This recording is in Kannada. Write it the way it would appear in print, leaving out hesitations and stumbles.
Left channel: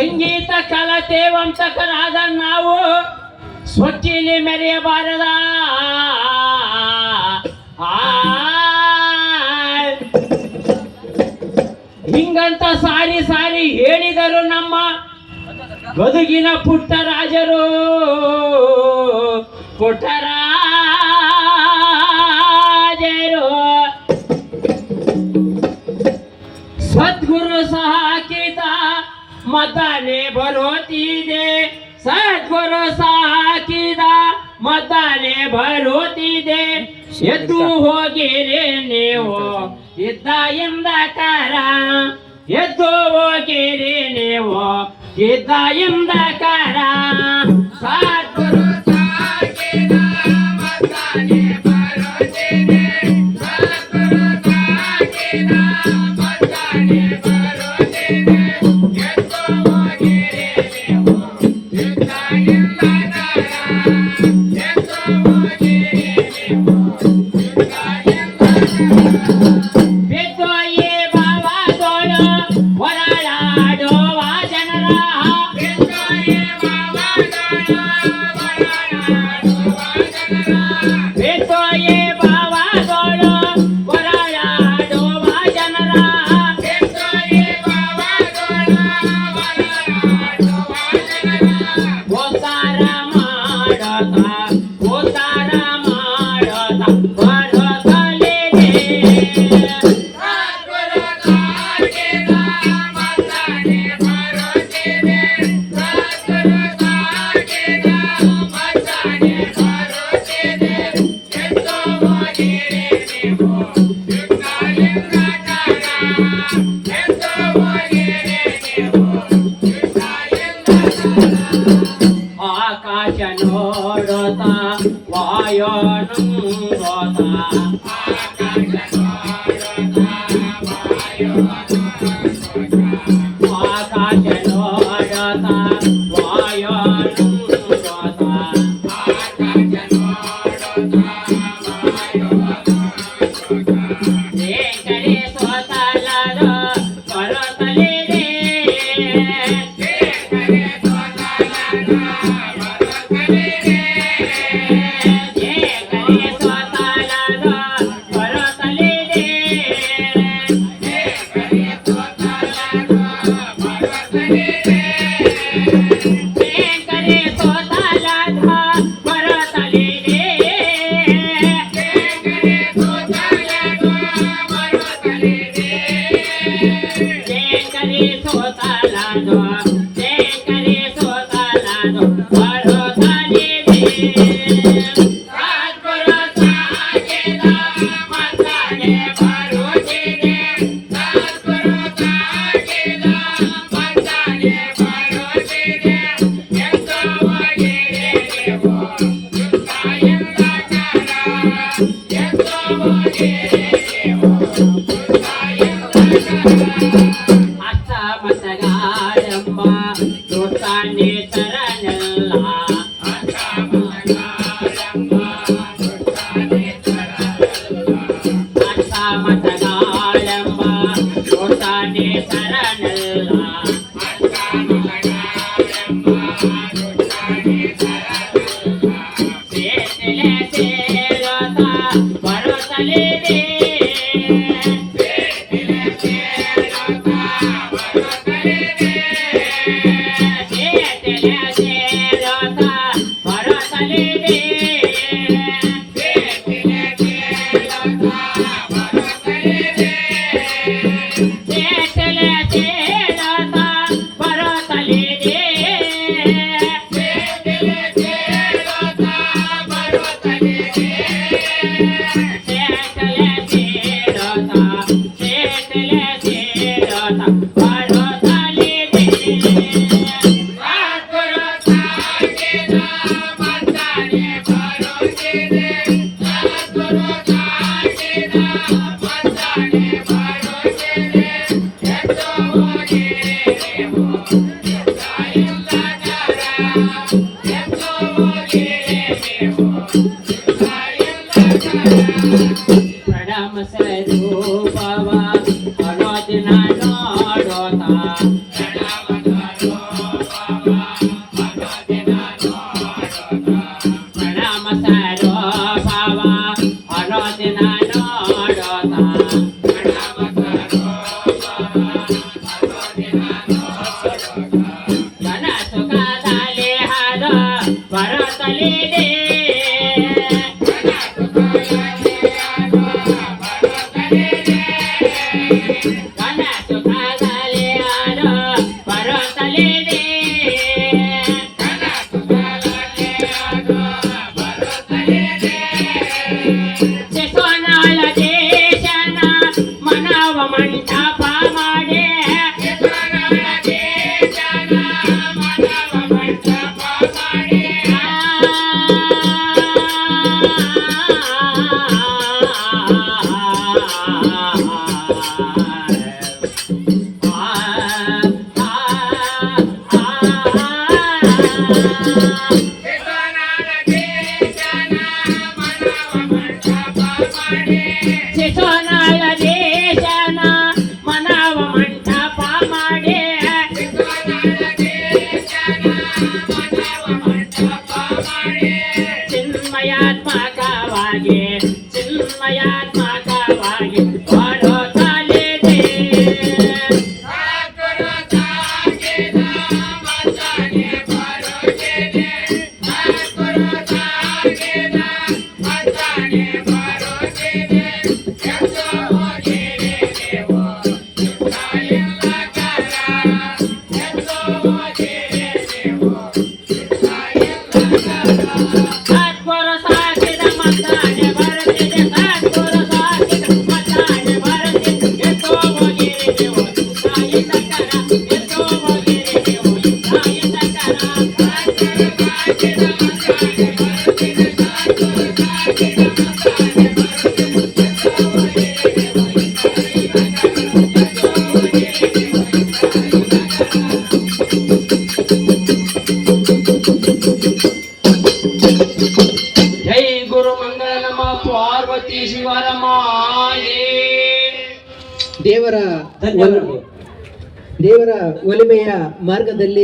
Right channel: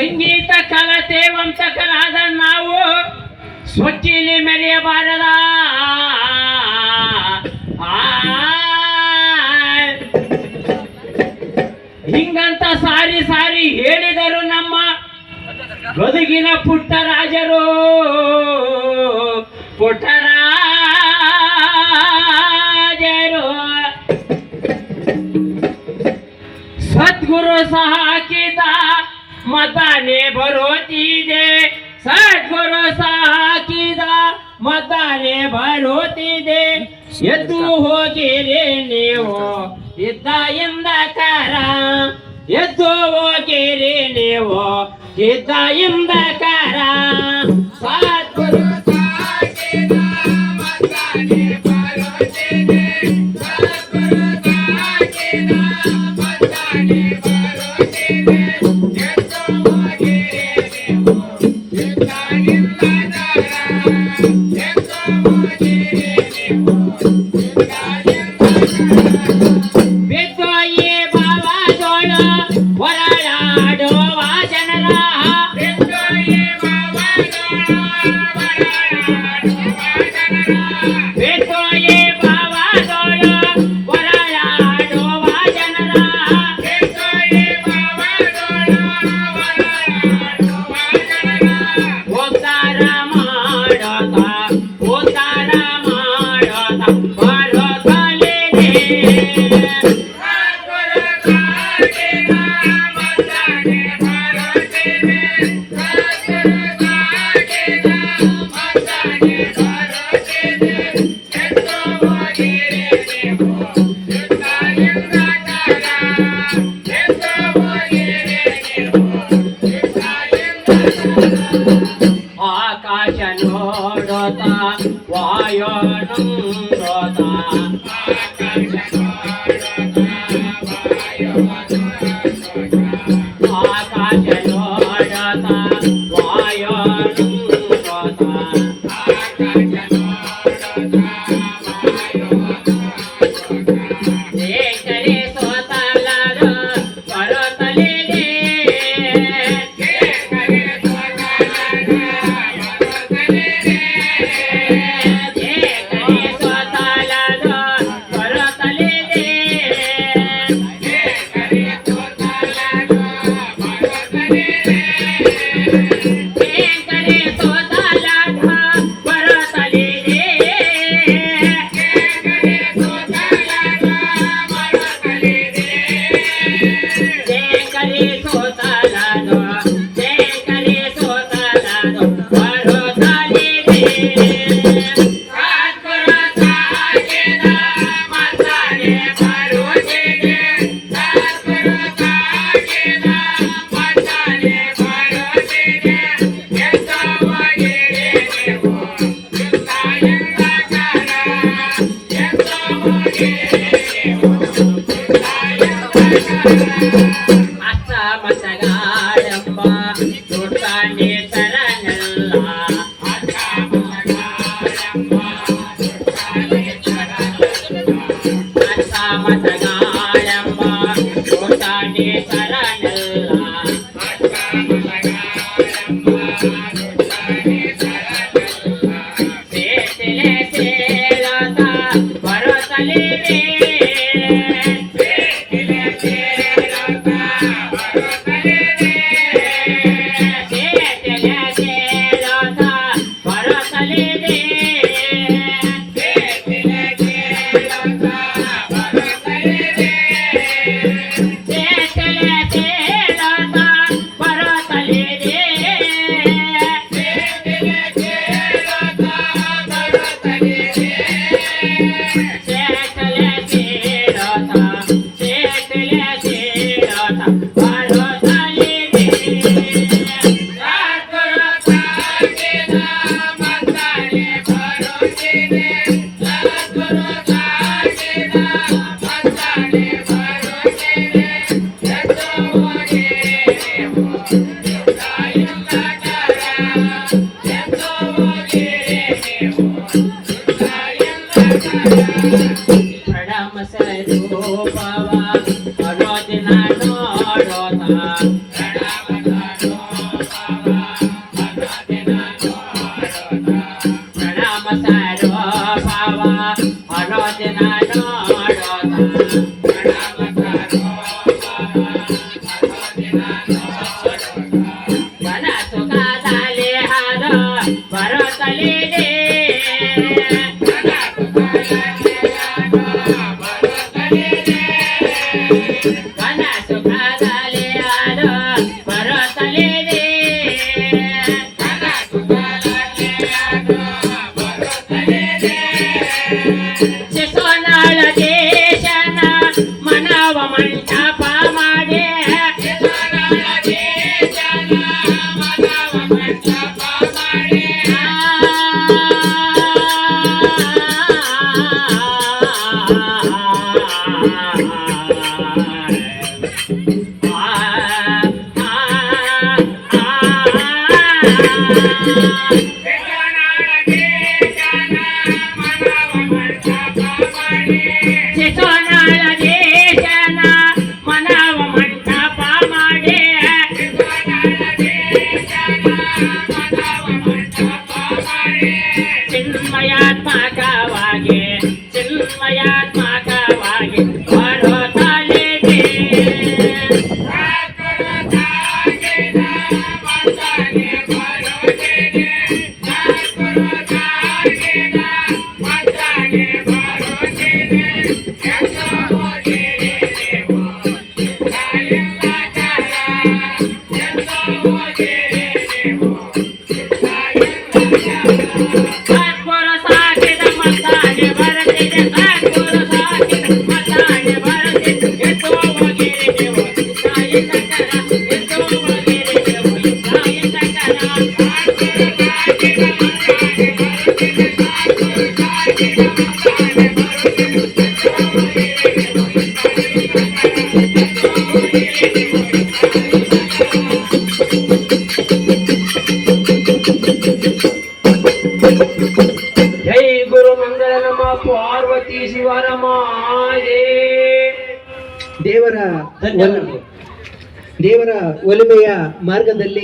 ಸಂಗೀತ ಕಲತೆ ವಂತಕರಾದ ನಾವು ಸ್ವಚ್ಛಿಲಿ ಮೆರೆಯಬಾರದ. ಹಿಂಗಂತ ಸಾರಿ ಸಾರಿ ಹೇಳಿದರು ನಮ್ಮ ಗದುಗಿನ ಪುಟ್ಟರಾಜರು. ಪುಟ್ಟರಾಜರು ಸದ್ಗುರು ಸಹ ಹಾಕಿದ ಮತಾನೆ ಬರೋತಿದೆ. ಸದ್ಗುರು ಸಹ ಹಾಕಿದ ಮತಾನೆ ಬರೋತಿದೆ. ಎದ್ದು ಹೋಗಿರಿ ನೀವು ಇದ್ದ ಎಂದಕಾರ. ಎದ್ದು ಹೋಗಿರಿ ನೀವು ಇದ್ದ ಎಂದಕಾರ. ಸದ್ಗುರು ಸಹ ಹಾಕಿದ ಮತಾನೆ ಬರೋತಿದೆ. ಸದ್ಗುರು ಸಹ ಹಾಕಿದ ಮತಾನೆ ಬರೋತಿದೆ. ಎದ್ದು ಹೋಗಿರಿ ನೀವು ಇದ್ದ ಎಂದಕಾರ. ಎದ್ದು ಹೋಗಿರಿ ನೀವು ಇದ್ದ ಎಂದಕಾರ. ಬಿದ್ದೋಯಿ ಬಾವಾದೋಳ ಹೊರಳಾಡುವ ಜನರ. ಬಿದ್ದೋಯಿ ಬಾವಾದೋಳ ಹೊರಳಾಡುವ ಜನರ. ಬಿದ್ದೋಯಿ ಬಾವಾದೋಳ ಹೊರಳಾಡುವ ಜನರ. ಬಿದ್ದೋಯಿ ಬಾವಾದೋಳ ಹೊರಳಾಡುವ ಜನರ. ಉದ್ಧಾರ ಮಾಡೋತ ಉದ್ಧಾರ ಮಾಡೋತ ಬರೋತಲಿದೆ. ಸದ್ಗುರು ಸಾಕಿದ ಮತಾನೆ ಬರೋತಿದೆ. ಸದ್ಗುರು ಸಾಕಿದ ಮತಾನೆ ಬರೋತಿದೆ. ಎದ್ದು ಹೋಗಿರಿ ನೀವು ಇದ್ದ ಎಂದಕಾರ. ಎದ್ದು ಹೋಗಿರಿ ನೀವು ಇದ್ದ ಎಂದಕಾರ. ಆಕಾಶ ನೋಡೋತ ವಾಯೋ ನಂಗೋತ. ಆಕಾಶ ನೋಡೋತ ವಾಯೋ ನಂಗೋತ. ಆಕಾಶ ನೋಡೋತ ವಾಯೋ ನಂಗೋತ. ಆಕಾಶ ನೋಡೋತ ವಾಯೋ ನಂಗೋತ. ಏಕರೆ ಸೋತಲದ ಬರೋತಲಿದೆ. ಏಕರೆ ಸೋತಲದ ಬರೋತಲಿದೆ. ಏಕರೆ ಸೋತಲದ ಬರೋತಲಿದೆ. ಏಕರೆ ಸೋತಲದ ಬರೋತಲಿದೆ. ಏಕರೆ ಸೋತಲದ ಬರೋತಲಿದೆ. ಏಕರೆ ಸೋತಲದ ಬರೋತಲಿದೆ. ಏಕರೆ ಸೋತಲದ ಏಕರೆ ಸೋತಲದ ಬರೋತಲಿದೆ. ಸದ್ಗುರು ಸಾಕಿದ ಮತಾನೆ ಬರೋತಿದೆ. ಸದ್ಗುರು ಸಾಕಿದ ಮತಾನೆ ಬರೋತಿದೆ. ಎದ್ದು ಹೋಗಿರಿ ನೀವು ಇದ್ದ ಎಂದಕಾರ. ಎದ್ದು ಹೋಗಿರಿ ನೀವು ಇದ್ದ ಎಂದಕಾರ. ಅತ್ತ ಮತಗಾಳಮ್ಮ ದುಡ್ಡಾನೆ ತರನಲ್ಲ. ಅತ್ತ ಮತಗಾಳಮ್ಮ ದುಡ್ಡಾನೆ ತರನಲ್ಲ. ಅತ್ತ ಮತಗಾಳಮ್ಮ ದುಡ್ಡಾನೆ ತರನಲ್ಲ. ಅತ್ತ ಮತಗಾಳಮ್ಮ ದುಡ್ಡಾನೆ ತರನಲ್ಲ. ಸೇತಲೆ ಸೇರೋತ ಬರೋತಲಿದೆ. ಸೇತಲೆ ಸೇರೋತ ಬರೋತಲಿದೆ. ಸೇತಲೆ ಸೇರೋತ ಬರೋತಲಿದೆ. ಸೇತಲೆ ಸೇರೋತ ಬರೋತಲಿದೆ. ಸೇತಲೆ ಸೇರೋತ ಬರೋತಲಿದೆ. ಸೇತಲೆ ಸೇರೋತ ಬರೋತಲಿದೆ. ಸೇತಲೆ ಸೇರೋತ ಸೇತಲೆ ಸೇರೋತ ಬರೋತಲಿದೆ. ಸದ್ಗುರು ಸಾಕಿದ ಮತಾನೆ ಬರೋತಿದೆ. ಸದ್ಗುರು ಸಾಕಿದ ಮತಾನೆ ಬರೋತಿದೆ. ಎದ್ದು ಹೋಗಿರಿ ನೀವು ಇದ್ದ ಎಂದಕಾರ. ಎದ್ದು ಹೋಗಿರಿ ನೀವು ಇದ್ದ ಎಂದಕಾರ. ಪ್ರಣಮ ಸ್ವರೂಪವ ಮನೋದಿನ ನೋಡೋತ. ಪ್ರಣಮ ಸ್ವರೂಪ ಗಣ ಸುಖದಲ್ಲಿ ಹಾದ ಬರುತ್ತಲಿದೆ ಗಣ ಸುಖದಲ್ಲಿ ಹಾದ ಬರುತ್ತಲಿದೆ ಶಿಶುನಾಳ ದೇಶನ ಮನವ ಮಂಟಪ ಮಾಡಿ ಶಿಶುನಾಳ ದೇಶನ ಮನವ ಮಂಟಪ ಮಾಡಿ ಚಿನ್ಮಯಾತ್ಮಕವಾಗಿ ಚಿನ್ಮಯಾತ್ಮಕವಾಗಿ ಬರುತ್ತಲಿದೆ ಸದ್ಗುರು ಸಾಕಿದ ಮತ್ತಾನೆ ಬರುತ್ತಿದೆ ಸದ್ಗುರು ಸಾಕಿದ ಮತ್ತಾನೆ ಬರುತ್ತಿದೆ ಎಷ್ಟೋ ಬಗೆರೆವು ತಾಯಿ ತಕ್ಕರ ಎಷ್ಟೋ ಬಗೆರೆವು ತಾಯಿ ಜೈ ಗುರು ಮಂಗಳ ನಮ ಪಾರ್ವತಿ ಶಿವನಮ ದೇವರ ಧನ್ಯವಾದಗಳು. ದೇವರ ಒಲಿಮೆಯ ಮಾರ್ಗದಲ್ಲಿ